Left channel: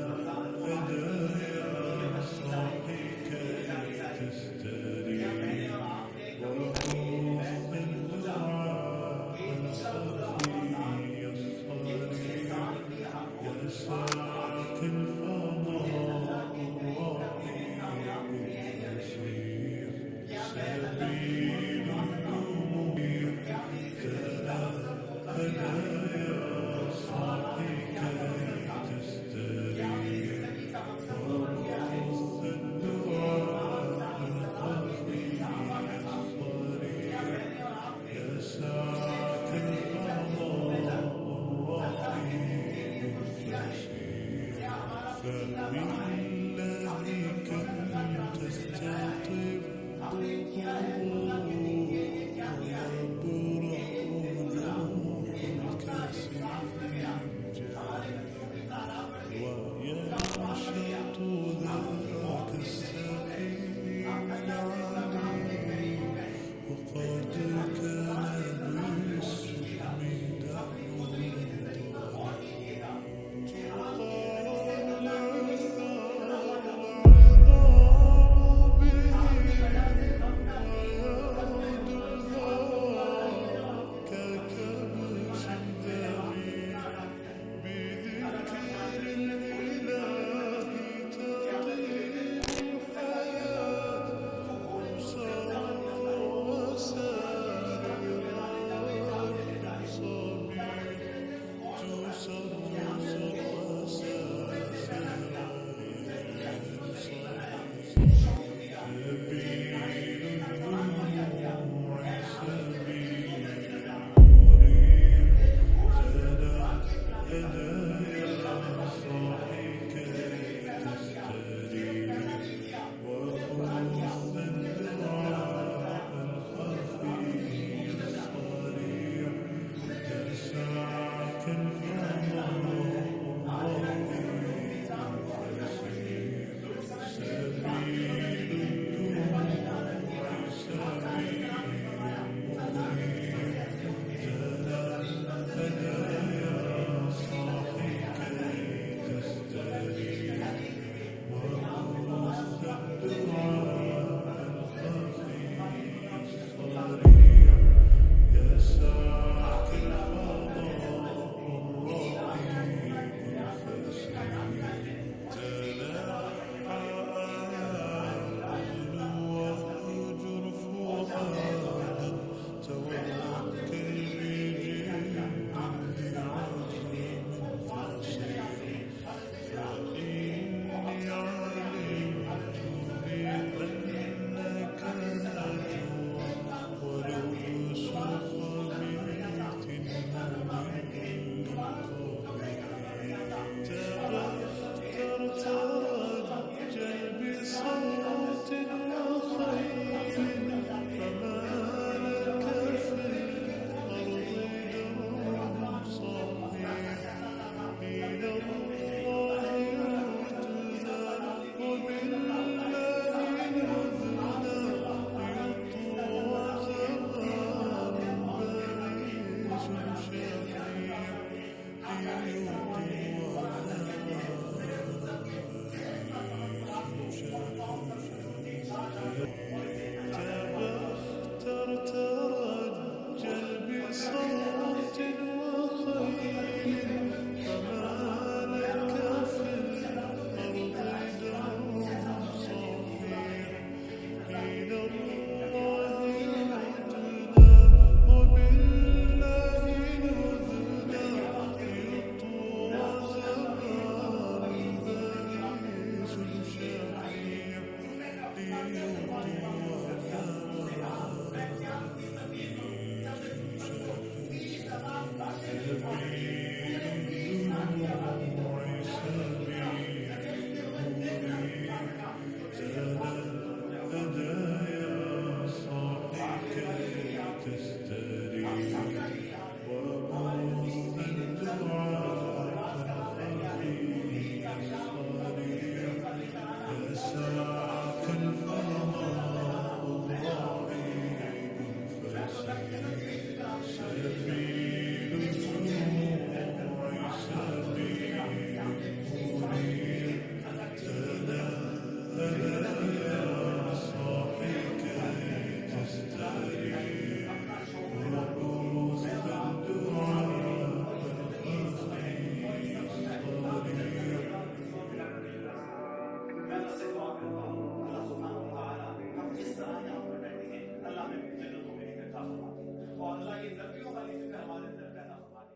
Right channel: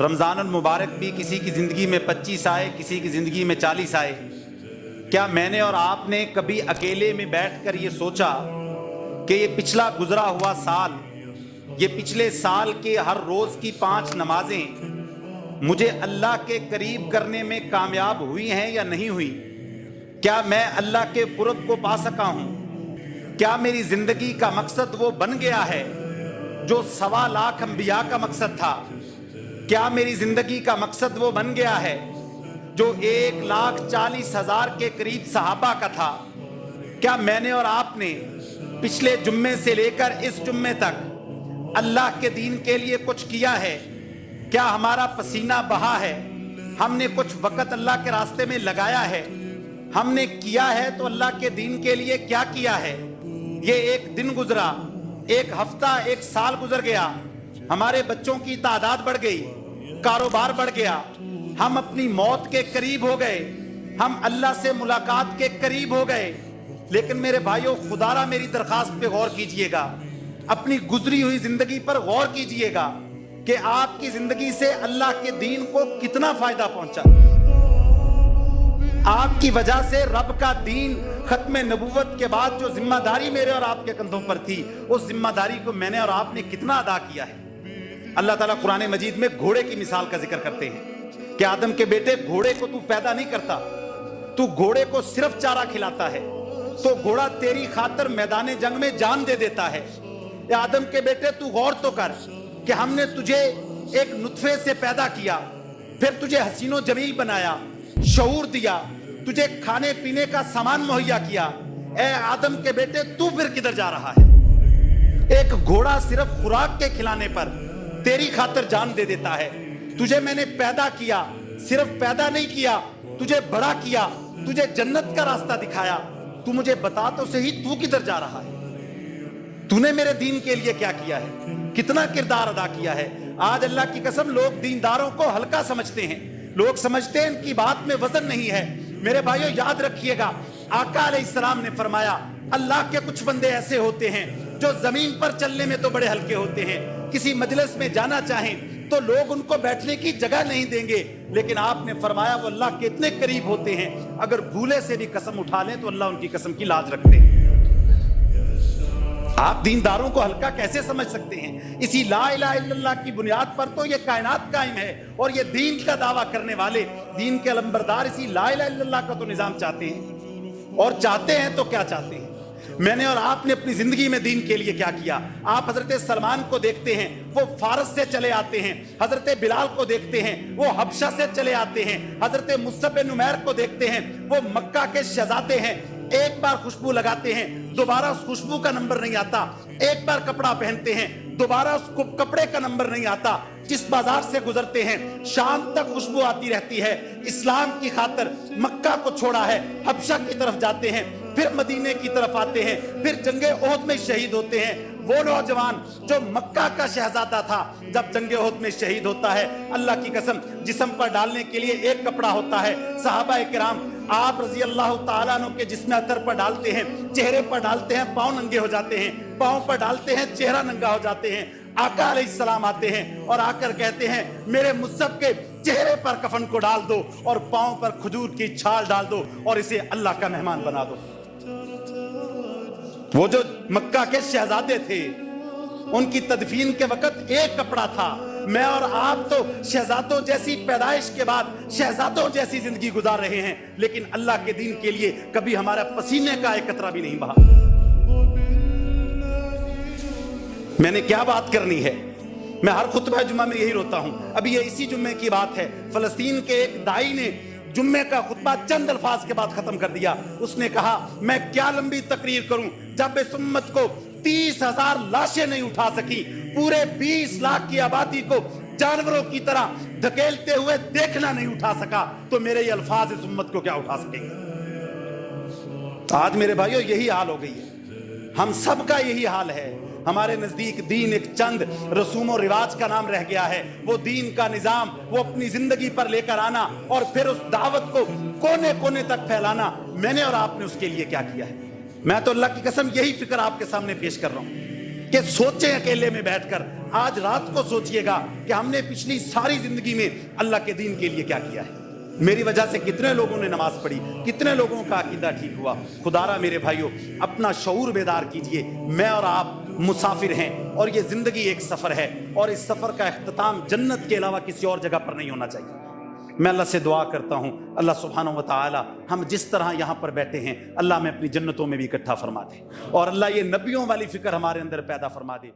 رمضان المبارک بھی کسی کی زندگی میں 25 آئے، کسی کی زندگی میں 40 آئے، کیا میں نے اور آپ نے کبھی اکیلے میں بیٹھ کر یہ سوچا کہ یہ پچھلا گزرا ہوا سال، یہ پچھلے سال کے ہر روز کی 5 نمازیں مجھے اللہ کے قریب کرنے میں کامیاب ہوئی ہیں یا نہیں ہوئی؟ کیا میں اللہ کے قرب کو پا سکا ہوں؟ کیا میری زندگی کا مقصد وہ بن گیا ہے جو 1.25 لاکھ انبیاء کا مقصد تھا؟ کیا میری زندگی کا مقصد وہ بن گیا ہے جو 1,40,000 کے قریب صحابہ کا تھا؟ کیا میں نے اور آپ نے پچھلے جمعے سے لے کر اس جمعے تک اللہ کے دین کے لیے کچھ کیا ہے؟ کیا ہمارا پسینہ بہا ہے؟ ہم نے کچھ وقت اللہ کے راستے میں لگایا ہے؟ ہم نے کیا ہے تو اللہ کے دین کے لیے کیا کیا ہے؟ یہ ایک دن گزرا، ایک ہفتہ، ایک سال گزر گیا، ہمارے بچوں کی تعداد بڑھ گئی، کاروبار بڑھ گیا، ہم اپنی موت کے قریب ہو گئے، ہم اللہ سے ملاقات کے قریب ہو گئے، لیکن میرے بھائیوں خدا را میری درخواست پہ غور کیجئے گا، اپنی گزری ہوئی زندگی پر غور کیجئے گا کہ آپ کی زندگی سے اللہ کے دین کو کتنا فائدہ پہنچا۔ آپ کی وجہ سے رب کا دین ختم نبوت کے بعد جو ذمہ داری میرے اور آپ کے کندھوں پر تھی، اس ذمہ داری کو میں نے اور آپ نے کتنا ادا کیا ہے۔ اللہ تعالیٰ قرآن مجید میں گھوڑے کی مثال کا ذکر کرتے ہیں کہ آدم کے بیٹے گھوڑے کو تو پیدا نہیں کرتا، تو گھوڑے کو صرف چارہ کھلاتا ہے، تو گھوڑا تیری خاطر میدان جنگ میں جان دے دیتا ہے۔ اے آدم کے بیٹے تو غور تو کر کہ ہم نے تجھے ایک نطفے سے پیدا کیا، پھر تجھے حسین و جمیل بنایا، شعور دیا، تجھے کھانے پینے کا سامان مہیا کیا۔ اے آدم کے بیٹے تو پھر کدھر جا رہا ہے؟ ایک گھوڑا صرف خوراک کے کھلانے پر تیری خاطر جان دے دیتا ہے۔ تجھے میں نے پیدا کیا، صرف پیدا نہیں کیا، تجھے بڑا کیا، تجھے جنت کا راستہ دکھایا۔ تو مجھے بتا تو صحیح تو کدھر جا رہا ہے؟ تو نے میرے دین کے لیے کیا کیا ہے؟ کتنا کردار ادا کیا ہے؟ آج اللہ کی قسم لوگ دینداروں کو ہلکا سمجھتے ہیں، لوگ سمجھتے ہیں ان کی بات میں وزن نہیں ہے۔ میرے بھائیو یاد رکھیے گا، آقا علیہ السلام نے فرمایا اللہ کے کچھ بندے ایسے ہوتے ہیں جو زمین پر چلنے میں تو بڑے ہلکے ہوتے ہیں، کسی مجلس میں جانا چاہیں تو لوگ ان کو بیٹھنے کی جگہ نہیں دیں گے، لیکن آپ نے فرمایا وہ اللہ کے اتنے قریب ہوتے ہیں اگر بھولے سے بھی قسم اٹھا لیں تو اللہ ان کی قسم کی لاج رکھتے ہیں۔ آپ دینداروں کو ہلکا کیسے سمجھ سکتے ہیں؟ اسی لا الہ الا اللہ کی بنیاد پر تو یہ کائنات قائم ہے، اور یہ دین کا دعویٰ کرنے والے، دین کے علمبردار اسی لا الہ الا اللہ کا تو نظام چاہتے ہیں، اور چاہتے ہیں تو کیا چاہتے ہیں؟ میں نے اور آپ نے اپنی زندگی میں دین کے لیے کیا کیا؟ آپ حضرت سلمان کو دیکھتے ہیں، وہ فارس سے چلے آتے ہیں، حضرت بلال کو دیکھتے ہیں، وہ حبشہ سے چلے آتے ہیں، حضرت مصعب بن عمیر کو دیکھتے ہیں، وہ مکہ کے شہزادے ہیں، ایک بار خوشبو لگاتے ہیں دوبارہ اس خوشبو کا نمبر نہیں آتا، ایک بار کپڑا پہنتے ہیں دوبارہ اس کپڑے کا نمبر نہیں آتا، جس بازار سے گزرتے ہیں شام تک خوشبو آتی رہتی ہے۔ اسلام کی خاطر مکہ کو چھوڑا ہے، حبشہ کی طرف جاتے ہیں، پھر مدینے کی طرف آتے ہیں، پھر جنگ احد میں شہید ہوتے ہیں۔ وہ نوجوان جو مکہ کا شہزادہ تھا جب جنگ احد میں شہید ہوتا ہے، اللہ کی قسم جسم پر ڈالنے کے لیے ایک کپڑا ہوتا ہے۔ صحابہ کرام آپ رضی اللہ تعالیٰ عنہ کے جسم اتر پر ڈالتے ہیں، چہرے پر ڈالتے ہیں، پاؤں ننگے ہو جاتے ہیں، پاؤں پر ڈالتے ہیں، چہرہ ننگا ہو جاتے ہیں۔ آقا علیہ السلام آتے ہیں اور آ کر کہتے ہیں میرے مصعب کے چہرے پر کفن کو ڈال دو اور پاؤں پر کھجور کی چھال ڈال دو اور اسے اللہ کا مہمان بنا دو۔ وہ جو مکہ کے شہزادے تھے ان کی تدفین کے وقت ایک کپڑا تھا۔ میں اور آپ تو شہزادوں جیسی پیدائش کے بعد شہزادوں جیسی زندگی گزار رہے ہیں، لیکن اللہ کے دین کے لیے کبھی ہمارا پسینے کا ایک قطرہ بھی نہیں بہا۔ میں نے کیا بات کرنی ہے؟ میں ہر خطبہ جمعہ میں یہی روتا ہوں۔ ابھی یہ اسی جمعے کی بات ہے، فلسطین کے ایک دائی نے جمعے کا خطبہ چند الفاظ کے بعد ختم کر دیا۔ اس نے کہا میں کیا لمبی تقریر کروں جب اس امت کو 30,000 لاشیں نہیں اٹھا سکی، پورے 20 لاکھ کی آبادی کو جانوروں کی طرح دھکیلتے ہوئے دیکھنا نہیں اٹھا سکا، تو میرے یہ الفاظ اس امت کو کیا اٹھا سکیں گے؟ آج میرے بھائیوں یہی حال ہو گئی ہے، ہم سب کا یہی حال ہے۔ ہمارے نزدیک دین ایک چند رسوم و رواج کا نام رہ گیا ہے۔ وہ دین کا نظام وہ اپنی زندگی پر لے کر آنا اور پھر اس دعوت کو کونے کونے تک پھیلانا، میں نے اور آپ نے اس کے لیے کیا کیا ہے؟ میں تو اللہ کی قسم یہی فکر آپ کے سامنے پیش کر رہا ہوں کہ سوچیں اکیلے میں بیٹھ کر آج رات کو سوچئے گا کہ ہم نے پچھلی ساری زندگی میں اللہ کے دین کے لیے کیا کیا ہے۔ میری وجہ سے کتنے لوگوں نے نماز پڑھی، کتنے لوگوں کا عقیدہ ٹھیک ہوا۔ خدا را میرے بھائیوں، اپنا شعور بیدار کیجئے۔ میں اور آپ مسافر ہیں اور یہ زندگی ایک سفر ہے، اور اس سفر کا اختتام جنت کے علاوہ کسی اور جگہ پر نہیں ہونا چاہیے۔ میں اللہ سے دعا کرتا ہوں، اللہ سبحانہ و تعالی ہم جس طرح یہاں پر بیٹھے ہیں، اللہ ہمیں اپنی جنتوں میں بھی اکٹھا فرما دے، اور اللہ یہ نبیوں والی فکر ہمارے اندر پیدا فرما دے۔